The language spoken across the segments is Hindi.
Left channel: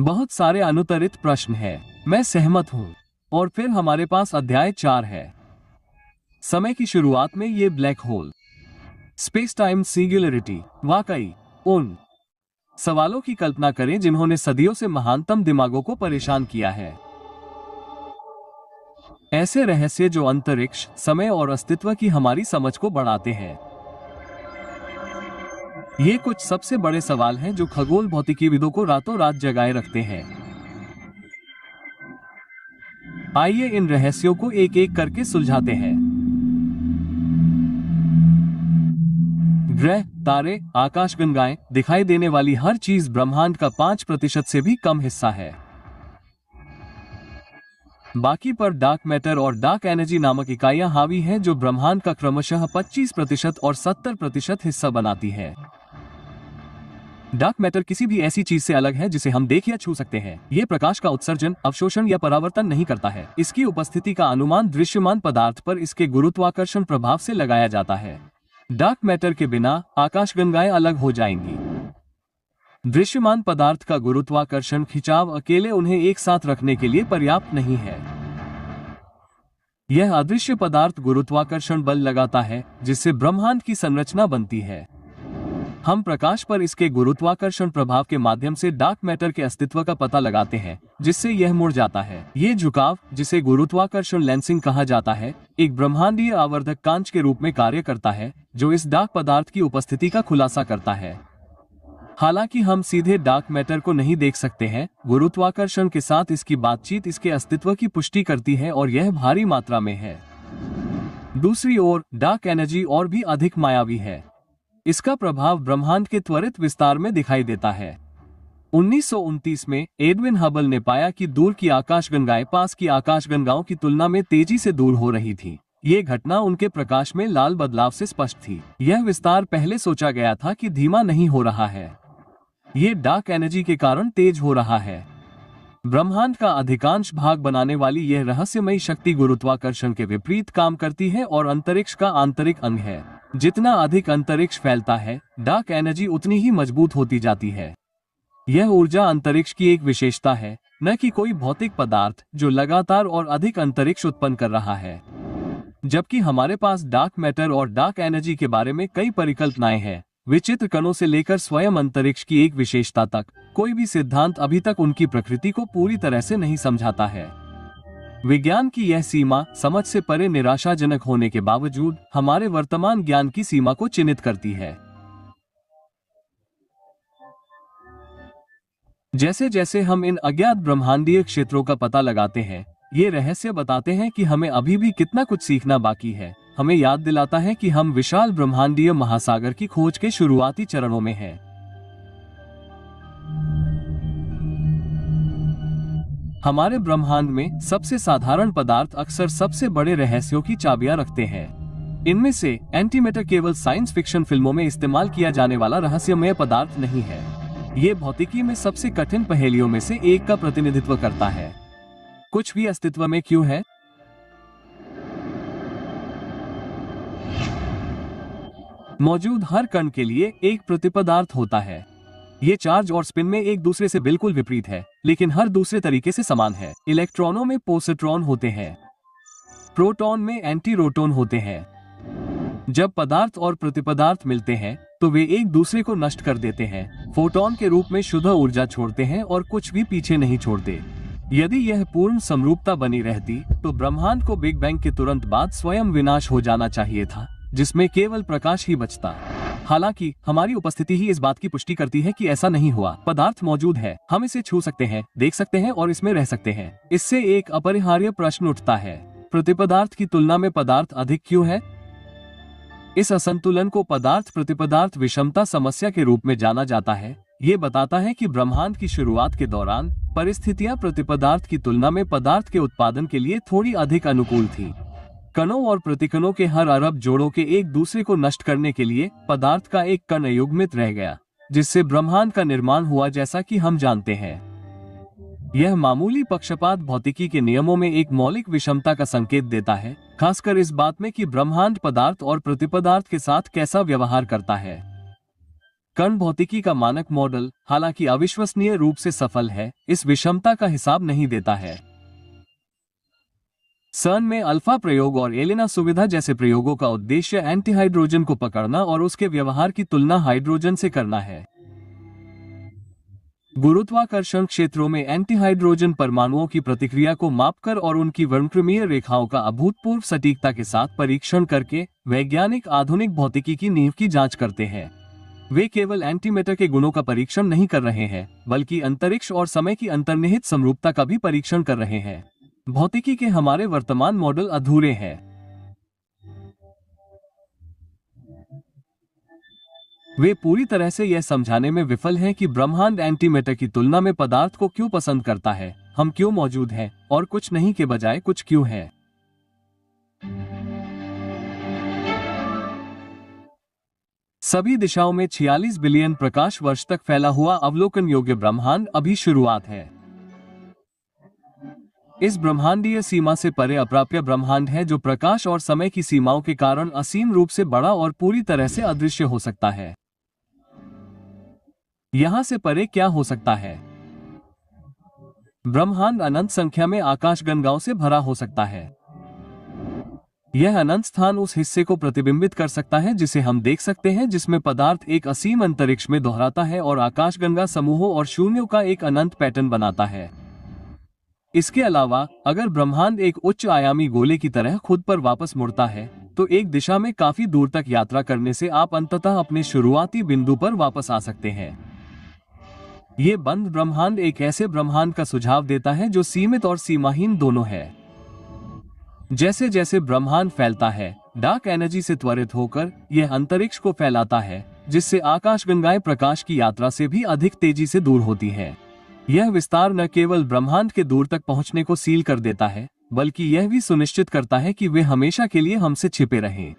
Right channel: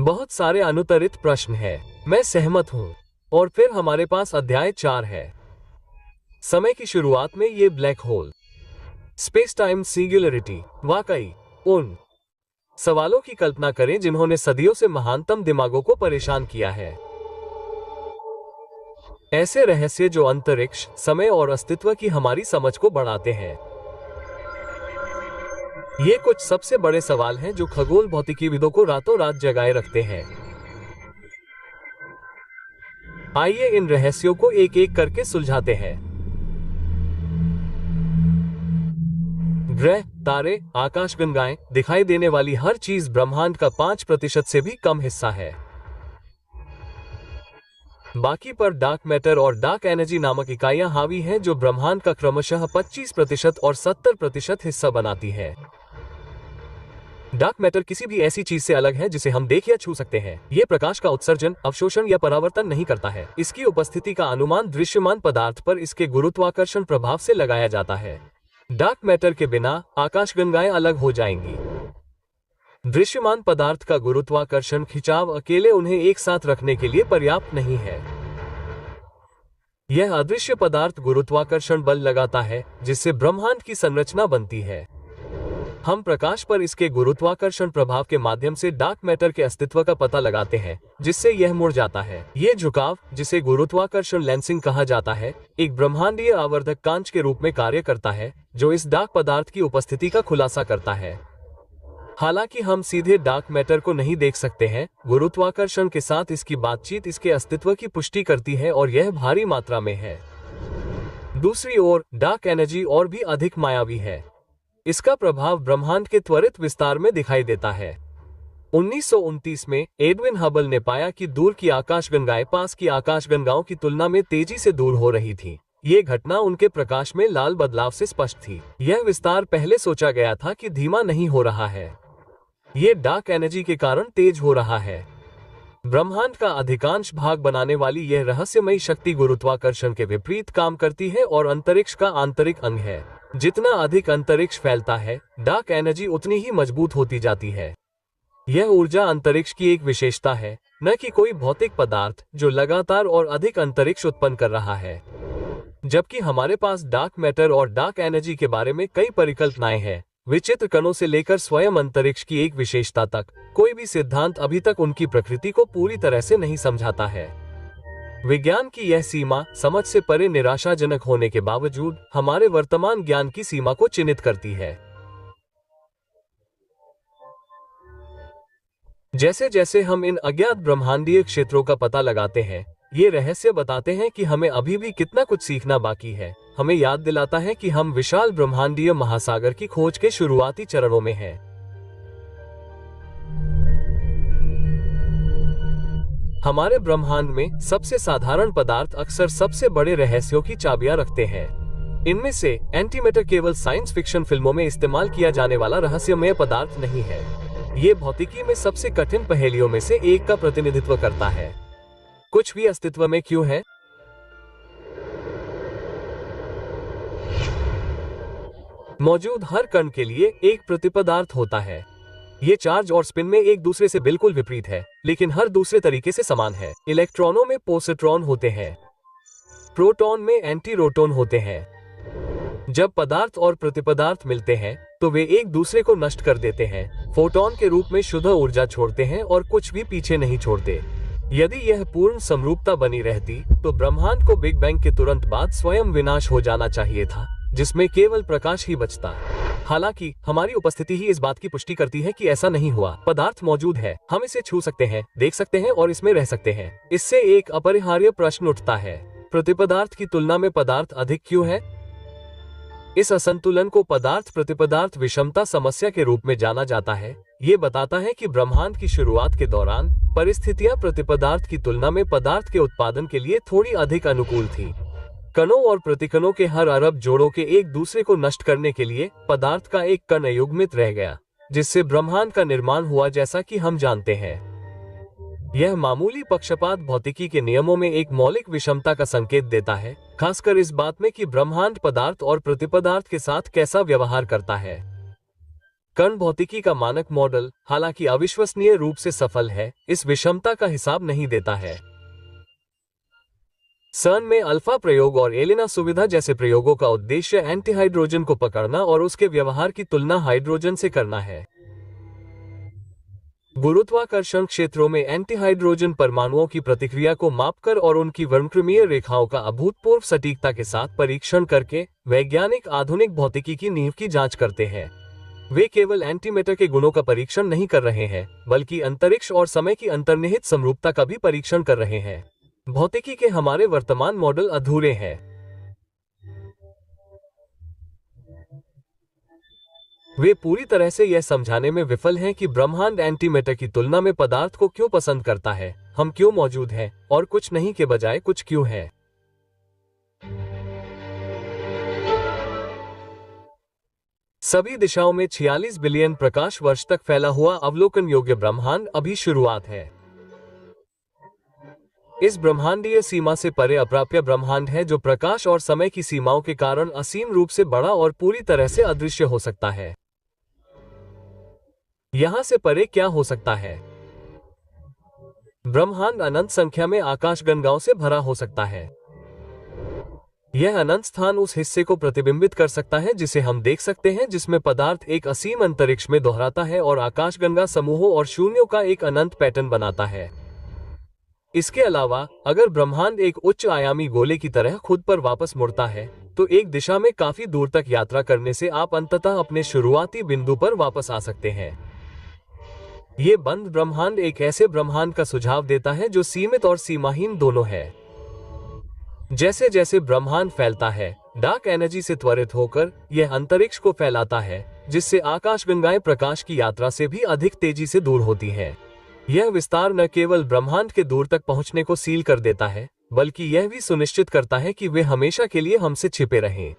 बहुत सारे अनुत्तरित प्रश्न हैं। मैं सहमत हूँ। और फिर हमारे पास अध्याय 4 है। समय की शुरुआत में ये black hole, space time singularity. वाकई उन सवालों की कल्पना करें जिन्होंने सदियों से महानतम दिमागों को परेशान किया है। ऐसे रहस्य जो अंतरिक्ष, समय और अस्तित्व की हमारी समझ को बढ़ाते हैं। ये कुछ सबसे बड़े सवाल हैं जो खगोल भौतिकीविदों को रातों रात जगाए रखते हैं। आइए इन रहस्यों को एक एक करके सुलझाते हैं। ग्रह, तारे, आकाशगंगाएं, दिखाई देने वाली हर चीज ब्रह्मांड का 5% से भी कम हिस्सा है। बाकी पर डार्क मैटर और डार्क एनर्जी नामक इकाइयां हावी हैं जो ब्रह्मांड का क्रमशः 25% और 70% हिस्सा बनाती है। डार्क मैटर किसी भी ऐसी चीज से अलग है जिसे हम देख या छू सकते हैं। ये प्रकाश का उत्सर्जन, अवशोषण या परावर्तन नहीं करता है। इसकी उपस्थिति का अनुमान दृश्यमान पदार्थ पर इसके गुरुत्वाकर्षण प्रभाव से लगाया जाता है। डार्क मैटर के बिना आकाशगंगाएं अलग हो जाएंगी। दृश्यमान पदार्थ का गुरुत्वाकर्षण खिंचाव अकेले उन्हें एक साथ रखने के लिए पर्याप्त नहीं है। यह अदृश्य पदार्थ गुरुत्वाकर्षण बल लगाता है जिससे ब्रह्मांड की संरचना बनती है। हम प्रकाश पर इसके गुरुत्वाकर्षण प्रभाव के माध्यम से डार्क मैटर के अस्तित्व का पता लगाते हैं, जिससे यह मुड़ जाता है। ये झुकाव, जिसे गुरुत्वाकर्षण लेंसिंग कहा जाता है, एक ब्रह्मांडीय आवर्धक कांच के रूप में कार्य करता है जो इस डार्क पदार्थ की उपस्थिति का खुलासा करता है। हालांकि हम सीधे डार्क मैटर को नहीं देख सकते हैं, गुरुत्वाकर्षण के साथ इसकी बातचीत इसके अस्तित्व की पुष्टि करती है और यह भारी मात्रा में है। दूसरी ओर डार्क एनर्जी और भी अधिक मायावी है। इसका प्रभाव ब्रह्मांड के त्वरित विस्तार में दिखाई देता है। 1929 में एडविन हबल ने पाया कि दूर की आकाशगंगाएं पास की आकाशगंगाओं की तुलना में तेजी से दूर हो रही थी। ये घटना उनके प्रकाश में लाल बदलाव से स्पष्ट थी। यह विस्तार पहले सोचा गया था कि धीमा नहीं हो रहा है, ये डार्क एनर्जी के कारण तेज हो रहा है। ब्रह्मांड का अधिकांश भाग बनाने वाली यह रहस्यमयी शक्ति गुरुत्वाकर्षण के विपरीत काम करती है और अंतरिक्ष का आंतरिक अंग है। जितना अधिक अंतरिक्ष फैलता है, डार्क एनर्जी उतनी ही मजबूत होती जाती है। यह ऊर्जा अंतरिक्ष की एक विशेषता है, न कि कोई भौतिक पदार्थ जो लगातार और अधिक अंतरिक्ष उत्पन्न कर रहा है। जबकि हमारे पास डार्क मैटर और डार्क एनर्जी के बारे में कई परिकल्पनाएं हैं, विचित्र कणों से लेकर स्वयं अंतरिक्ष की एक विशेषता तक, कोई भी सिद्धांत अभी तक उनकी प्रकृति को पूरी तरह से नहीं समझाता है। विज्ञान की यह सीमा समझ से परे निराशाजनक होने के बावजूद हमारे वर्तमान ज्ञान की सीमा को चिन्हित करती है। जैसे जैसे हम इन अज्ञात ब्रह्मांडीय क्षेत्रों का पता लगाते हैं, ये रहस्य बताते हैं कि हमें अभी भी कितना कुछ सीखना बाकी है। हमें याद दिलाता है कि हम विशाल ब्रह्मांडीय महासागर की खोज के शुरुआती चरणों में हैं। हमारे ब्रह्मांड में सबसे साधारण पदार्थ अक्सर सबसे बड़े रहस्यों की चाबियां रखते हैं। इनमें से एंटीमेटर केवल साइंस फिक्शन फिल्मों में इस्तेमाल किया जाने वाला रहस्यमय पदार्थ नहीं है। ये भौतिकी में सबसे कठिन पहेलियों में से एक का प्रतिनिधित्व करता है। कुछ भी अस्तित्व में क्यों है? मौजूद हर कण के लिए एक प्रतिपदार्थ होता है। ये चार्ज और स्पिन में एक दूसरे से बिल्कुल विपरीत है, लेकिन हर दूसरे तरीके से समान है। इलेक्ट्रॉनों में पोसिट्रॉन होते हैं, प्रोटॉन में एंटीरोटॉन होते हैं। जब पदार्थ और प्रतिपदार्थ मिलते हैं तो वे एक दूसरे को नष्ट कर देते हैं, फोटोन के रूप में शुद्ध ऊर्जा छोड़ते हैं और कुछ भी पीछे नहीं छोड़ते। यदि यह पूर्ण समरूपता बनी रहती तो ब्रह्मांड को बिग बैंग के तुरंत बाद स्वयं विनाश हो जाना चाहिए था, जिसमें केवल प्रकाश ही बचता। हालांकि हमारी उपस्थिति ही इस बात की पुष्टि करती है कि ऐसा नहीं हुआ। पदार्थ मौजूद है, हम इसे छू सकते हैं, देख सकते हैं और इसमें रह सकते हैं। इससे एक अपरिहार्य प्रश्न उठता है, प्रतिपदार्थ की तुलना में पदार्थ अधिक क्यों है? इस असंतुलन को पदार्थ प्रतिपदार्थ विषमता समस्या के रूप में जाना जाता है। ये बताता है कि ब्रह्मांड की शुरुआत के दौरान परिस्थितियां प्रतिपदार्थ की तुलना में पदार्थ के उत्पादन के लिए थोड़ी अधिक अनुकूल थी। कणों और प्रतिकणों के हर अरब जोड़ों के एक दूसरे को नष्ट करने के लिए पदार्थ का एक कण अयुग्मित रह गया, जिससे ब्रह्मांड का निर्माण हुआ जैसा कि हम जानते हैं। यह मामूली पक्षपात भौतिकी के नियमों में एक मौलिक विषमता का संकेत देता है, खासकर इस बात में कि ब्रह्मांड पदार्थ और प्रतिपदार्थ के साथ कैसा व्यवहार करता है। कण भौतिकी का मानक मॉडल, हालांकि अविश्वसनीय रूप से सफल है, इस विषमता का हिसाब नहीं देता है। सर्न में अल्फा प्रयोग और एलेना सुविधा जैसे प्रयोगों का उद्देश्य एंटीहाइड्रोजन को पकड़ना और उसके व्यवहार की तुलना हाइड्रोजन से करना है। गुरुत्वाकर्षण क्षेत्रों में एंटीहाइड्रोजन परमाणुओं की प्रतिक्रिया को मापकर और उनकी वर्णक्रमीय रेखाओं का अभूतपूर्व सटीकता के साथ परीक्षण करके वैज्ञानिक आधुनिक भौतिकी की नींव की जांच करते हैं। वे केवल एंटीमेटर के गुणों का परीक्षण नहीं कर रहे हैं, बल्कि अंतरिक्ष और समय की अंतर्निहित समरूपता का भी परीक्षण कर रहे हैं। भौतिकी के हमारे वर्तमान मॉडल अधूरे हैं। वे पूरी तरह से यह समझाने में विफल हैं कि ब्रह्मांड एंटीमेटर की तुलना में पदार्थ को क्यों पसंद करता है, हम क्यों मौजूद हैं, और कुछ नहीं के बजाय कुछ क्यों है। सभी दिशाओं में 46 बिलियन प्रकाश वर्ष तक फैला हुआ अवलोकन योग्य ब्रह्मांड अभी शुरुआत है। इस ब्रह्मांडीय सीमा से परे अप्राप्य ब्रह्मांड है, जो प्रकाश और समय की सीमाओं के कारण असीम रूप से बड़ा और पूरी तरह से अदृश्य हो सकता है। यहां से परे क्या हो सकता है? ब्रह्मांड अनंत संख्या में आकाशगंगाओं से भरा हो सकता है। यह अनंत स्थान उस हिस्से को प्रतिबिंबित कर सकता है जिसे हम देख सकते हैं, जिसमें पदार्थ एक असीम अंतरिक्ष में दोहराता है और आकाशगंगा समूहों और शून्यों का एक अनंत पैटर्न बनाता है। इसके अलावा अगर ब्रह्मांड एक उच्च आयामी गोले की तरह खुद पर वापस मुड़ता है, तो एक दिशा में काफी दूर तक यात्रा करने से आप अंततः अपने शुरुआती बिंदु पर वापस आ सकते हैं। ये बंद ब्रह्मांड एक ऐसे ब्रह्मांड का सुझाव देता है जो सीमित और सीमाहीन दोनों है। जैसे जैसे ब्रह्मांड फैलता है, डार्क एनर्जी से त्वरित होकर यह अंतरिक्ष को फैलाता है, जिससे आकाशगंगाएं प्रकाश की यात्रा से भी अधिक तेजी से दूर होती हैं। यह विस्तार न केवल ब्रह्मांड के दूर तक पहुंचने को सील कर देता है, बल्कि यह भी सुनिश्चित करता है कि वे हमेशा के लिए हमसे छिपे रहें।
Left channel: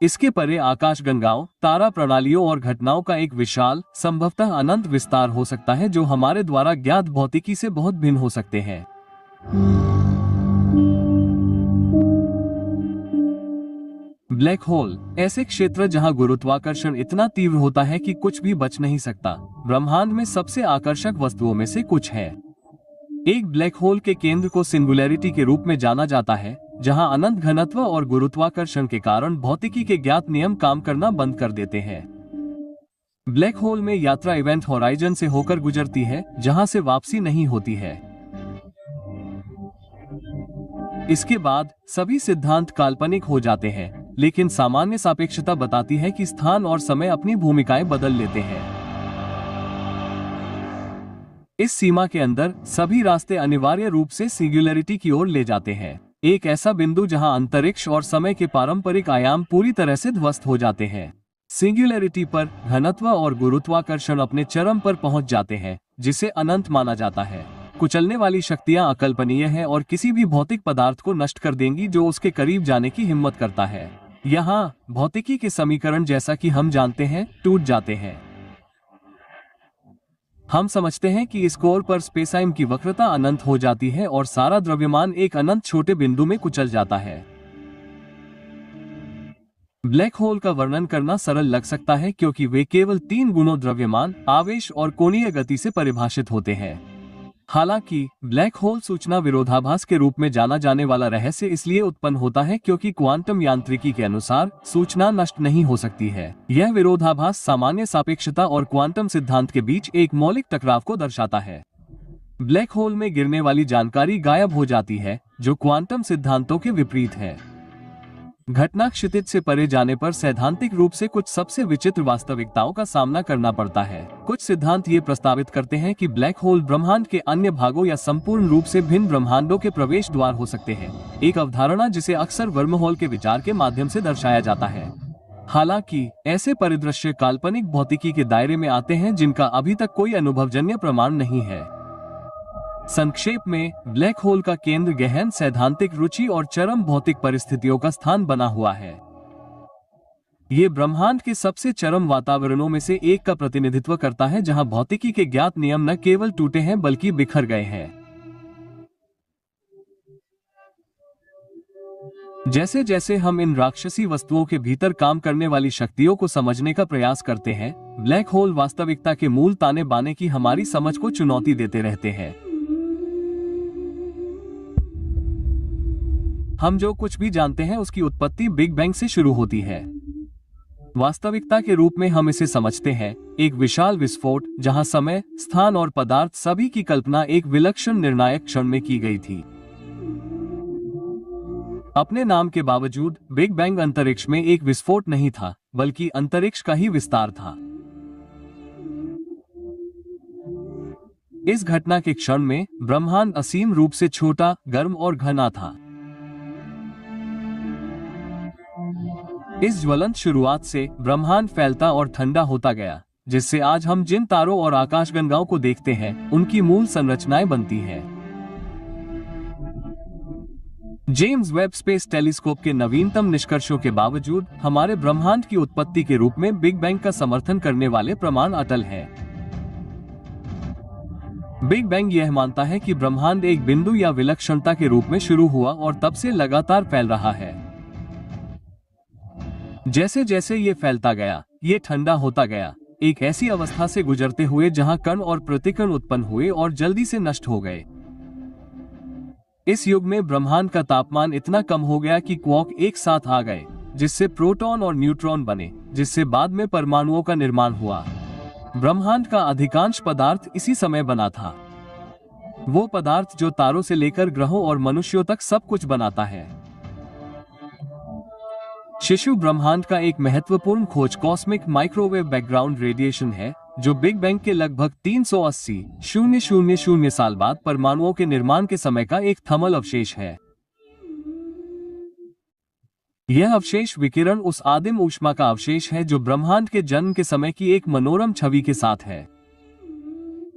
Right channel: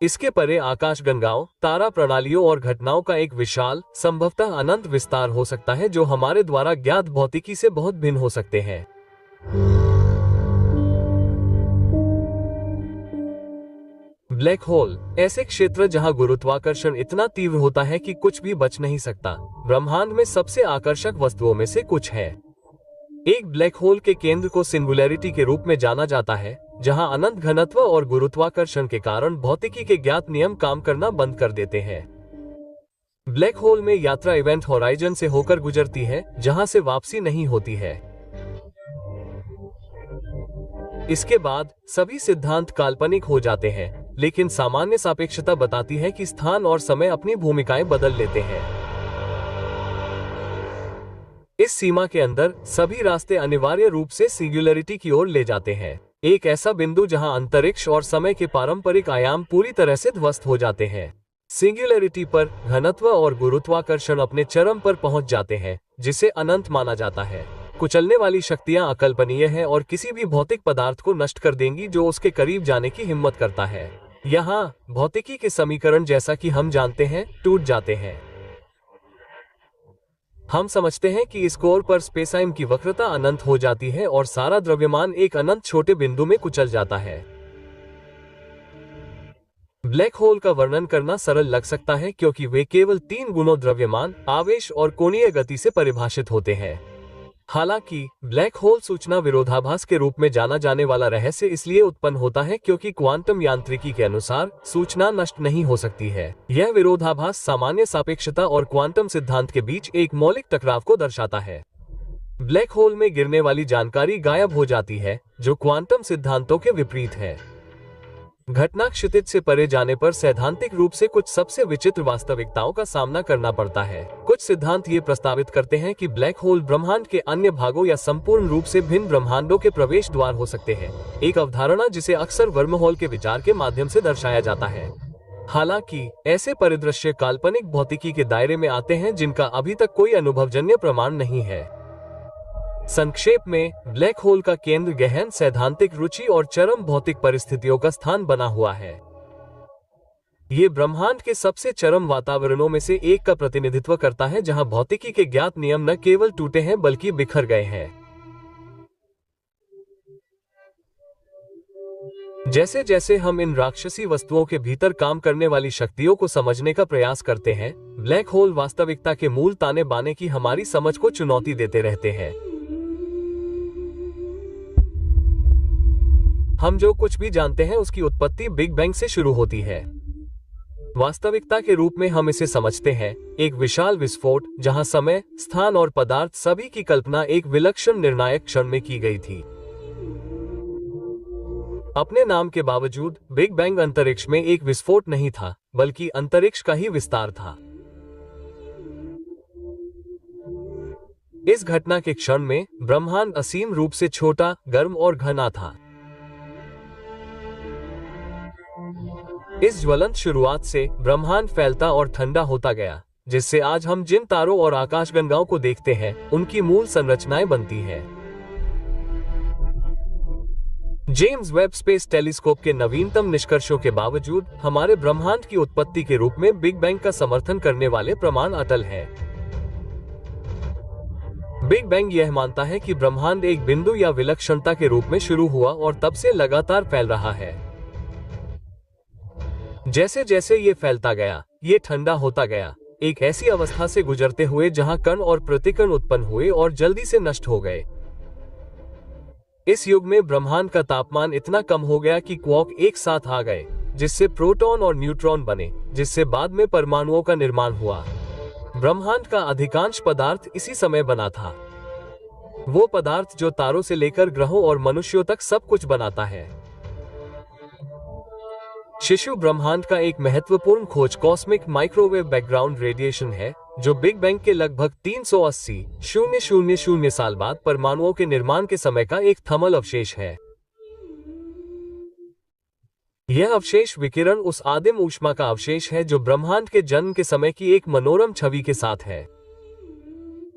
इसके परे आकाशगंगाओं, तारा प्रणालियों और घटनाओं का एक विशाल, संभवतः अनंत विस्तार हो सकता है, जो हमारे द्वारा ज्ञात भौतिकी से बहुत भिन्न हो सकते हैं। ब्लैक होल ऐसे क्षेत्र जहां गुरुत्वाकर्षण इतना तीव्र होता है कि कुछ भी बच नहीं सकता, ब्रह्मांड में सबसे आकर्षक वस्तुओं में से कुछ है। एक ब्लैक होल के केंद्र को सिंगुलैरिटी के रूप में जाना जाता है, जहां अनंत घनत्व और गुरुत्वाकर्षण के कारण भौतिकी के ज्ञात नियम काम करना बंद कर देते हैं। ब्लैक होल में यात्रा इवेंट होराइजन से होकर गुजरती है, जहां से वापसी नहीं होती है। इसके बाद सभी सिद्धांत काल्पनिक हो जाते हैं, लेकिन सामान्य सापेक्षता बताती है कि स्थान और समय अपनी भूमिकाएं बदल लेते हैं। इस सीमा के अंदर सभी रास्ते अनिवार्य रूप से सिंगुलैरिटी की ओर ले जाते हैं, एक ऐसा बिंदु जहां अंतरिक्ष और समय के पारंपरिक आयाम पूरी तरह से ध्वस्त हो जाते हैं। सिंगुलैरिटी पर घनत्व और गुरुत्वाकर्षण अपने चरम पर पहुंच जाते हैं, जिसे अनंत माना जाता है। कुचलने वाली शक्तियां अकल्पनीय हैं और किसी भी भौतिक पदार्थ को नष्ट कर देंगी जो उसके करीब जाने की हिम्मत करता है। यहाँ भौतिकी के समीकरण, जैसा कि हम जानते हैं, टूट जाते हैं। हम समझते हैं कि इस कोर पर स्पेसाइम की वक्रता अनंत हो जाती है और सारा द्रव्यमान एक अनंत छोटे बिंदु में कुचल जाता है। ब्लैक होल का वर्णन करना सरल लग सकता है, क्योंकि वे केवल 3 गुणों द्रव्यमान, आवेश और कोणीय गति से परिभाषित होते हैं। हालांकि ब्लैक होल सूचना विरोधाभास के रूप में जाना जाने वाला रहस्य इसलिए उत्पन्न होता है क्योंकि क्वांटम यांत्रिकी के अनुसार सूचना नष्ट नहीं हो सकती है। यह विरोधाभास सामान्य सापेक्षता और क्वांटम सिद्धांत के बीच एक मौलिक टकराव को दर्शाता है। ब्लैक होल में गिरने वाली जानकारी गायब हो जाती है, जो क्वांटम सिद्धांतों के विपरीत है। घटना क्षितिज से परे जाने पर सैद्धांतिक रूप से कुछ सबसे विचित्र वास्तविकताओं का सामना करना पड़ता है। कुछ सिद्धांत ये प्रस्तावित करते हैं कि ब्लैक होल ब्रह्मांड के अन्य भागों या संपूर्ण रूप से भिन्न ब्रह्मांडों के प्रवेश द्वार हो सकते हैं, एक अवधारणा जिसे अक्सर वर्महोल के विचार के माध्यम से दर्शाया जाता है। हालांकि ऐसे परिदृश्य काल्पनिक भौतिकी के दायरे में आते हैं जिनका अभी तक कोई अनुभवजन्य प्रमाण नहीं है। संक्षेप में, ब्लैक होल का केंद्र गहन सैद्धांतिक रुचि और चरम भौतिक परिस्थितियों का स्थान बना हुआ है। ये ब्रह्मांड के सबसे चरम वातावरणों में से एक का प्रतिनिधित्व करता है, जहां भौतिकी के ज्ञात नियम न केवल टूटे हैं बल्कि बिखर गए हैं। जैसे जैसे हम इन राक्षसी वस्तुओं के भीतर काम करने वाली शक्तियों को समझने का प्रयास करते हैं, ब्लैक होल वास्तविकता के मूल ताने बाने की हमारी समझ को चुनौती देते रहते हैं। हम जो कुछ भी जानते हैं उसकी उत्पत्ति बिग बैंग से शुरू होती है। वास्तविकता के रूप में हम इसे समझते हैं, एक विशाल विस्फोट जहां समय, स्थान और पदार्थ सभी की कल्पना एक विलक्षण निर्णायक क्षण में की गई थी। अपने नाम के बावजूद बिग बैंग अंतरिक्ष में एक विस्फोट नहीं था, बल्कि अंतरिक्ष का ही विस्तार था। इस घटना के क्षण में ब्रह्मांड असीम रूप से छोटा, गर्म और घना था। इस ज्वलंत शुरुआत से ब्रह्मांड फैलता और ठंडा होता गया, जिससे आज हम जिन तारों और आकाशगंगाओं को देखते हैं, उनकी मूल संरचनाएं बनती हैं। जेम्स वेब स्पेस टेलीस्कोप के नवीनतम निष्कर्षों के बावजूद हमारे ब्रह्मांड की उत्पत्ति के रूप में बिग बैंग का समर्थन करने वाले प्रमाण अटल हैं। बिग बैंग यह मानता है कि ब्रह्मांड एक बिंदु या विलक्षणता के रूप में शुरू हुआ और तब से लगातार फैल रहा है। जैसे जैसे ये फैलता गया, ये ठंडा होता गया, एक ऐसी अवस्था से गुजरते हुए जहां कण और प्रतिकण उत्पन्न हुए और जल्दी से नष्ट हो गए। इस युग में ब्रह्मांड का तापमान इतना कम हो गया कि क्वार्क एक साथ आ गए, जिससे प्रोटॉन और न्यूट्रॉन बने, जिससे बाद में परमाणुओं का निर्माण हुआ। ब्रह्मांड का अधिकांश पदार्थ इसी समय बना था, वो पदार्थ जो तारों से लेकर ग्रहों और मनुष्यों तक सब कुछ बनाता है। शिशु ब्रह्मांड का एक महत्वपूर्ण खोज कॉस्मिक माइक्रोवेव बैकग्राउंड रेडिएशन है, जो बिग बैंग के लगभग 380,000 साल बाद परमाणुओं के निर्माण के समय का एक थर्मल अवशेष है। यह अवशेष विकिरण उस आदिम ऊष्मा का अवशेष है जो ब्रह्मांड के जन्म के समय की एक मनोरम छवि के साथ है।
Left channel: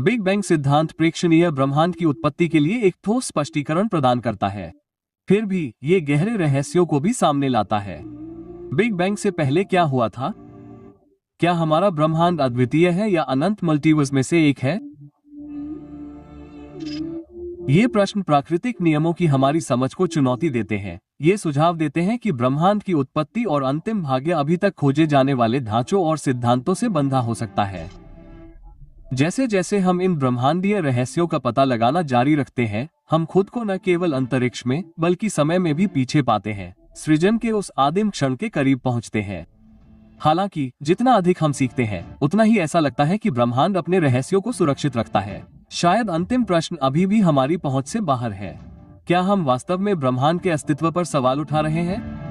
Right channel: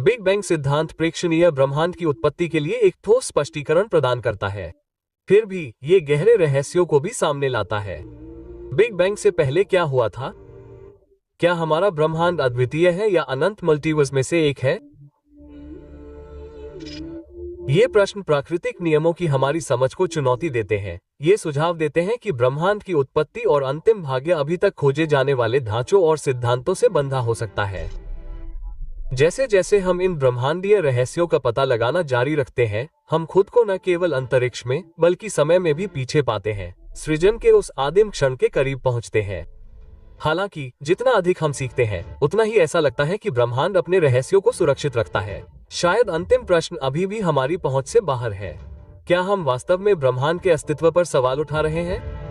बिग बैंग सिद्धांत प्रेक्षणीय ब्रह्मांड की उत्पत्ति के लिए एक ठोस स्पष्टीकरण प्रदान करता है, फिर भी ये गहरे रहस्यों को भी सामने लाता है। बिग बैंग से पहले क्या हुआ था? क्या हमारा ब्रह्मांड अद्वितीय है या अनंत मल्टीवर्स में से एक है? ये प्रश्न प्राकृतिक नियमों की हमारी समझ को चुनौती देते हैं। ये सुझाव देते हैं कि ब्रह्मांड की उत्पत्ति और अंतिम भाग्य अभी तक खोजे जाने वाले ढांचों और सिद्धांतों से बंधा हो सकता है। जैसे जैसे हम इन ब्रह्मांडीय रहस्यों का पता लगाना जारी रखते हैं, हम खुद को न केवल अंतरिक्ष में बल्कि समय में भी पीछे पाते हैं, सृजन के उस आदिम क्षण के करीब पहुंचते हैं। हालांकि जितना अधिक हम सीखते हैं, उतना ही ऐसा लगता है कि ब्रह्मांड अपने रहस्यों को सुरक्षित रखता है। शायद अंतिम प्रश्न अभी भी हमारी पहुंच से बाहर है। क्या हम वास्तव में ब्रह्मांड के अस्तित्व पर सवाल उठा रहे हैं?